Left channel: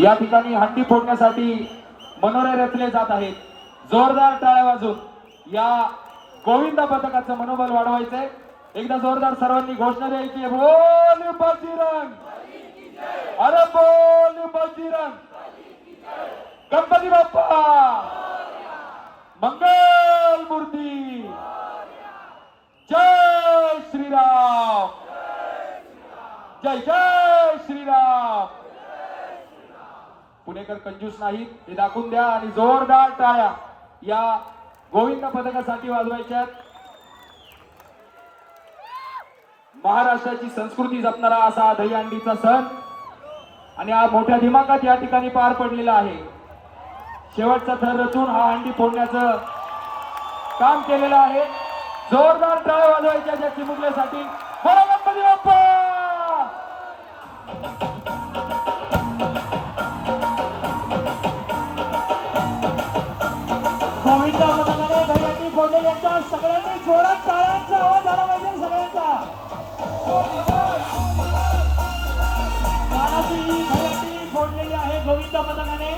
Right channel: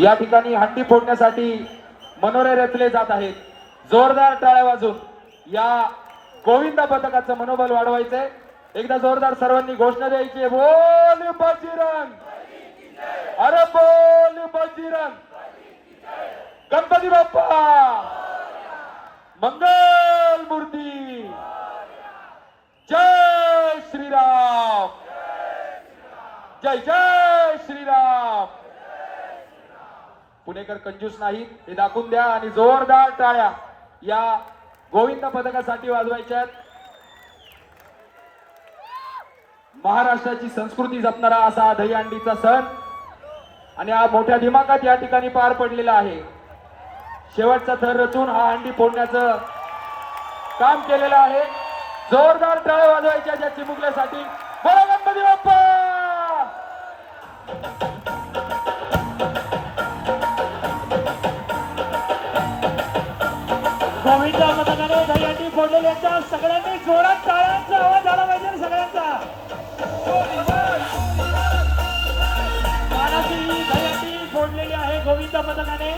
या ठिकाणी हंडी फोडण्यासाठी मनोरे रचले जात आहेत. जोरदार टाळ्या वाजून या गोविंद पथकाचं मनोबल वाढवायचंय. एकदा जोरदार सर्वांनी घोषणा द्यायची, बोल बजरंग, अरे बोल बजरंग, गणपती बाप्पा मंगल मूर्ती, जय श्रीराम, जय जय श्रीराम. पुणेकर कंजूस नाहीत हे दाखवून द्या आणि जोरदार टाळ्या या गोविंद पथकासाठी वाजवायच्यात. महाराष्ट्राची संस्कृती जपणारा असा हा दहीहंडीचा सण आणि हा मोठ्या दिमागात या ठिकाणी पार पडलेला आहे. शेवटचा थर रचून हा हंडी फोडण्याचं काम केलेलं आहे. जोरदार टाळ्या वाजवायच्या त्या चिमुकल्यासाठी. बोला गणपती बाप्पा. गोविंद पथकाने दहीहंडी फोडलेल्यांच्या सगळ्यांनी जोरात टाळ्यांचा आवाज झाला पाहिजे सगळ्यांचा. दहीहंडी फोडलेली आहे गोविंद पथकाने.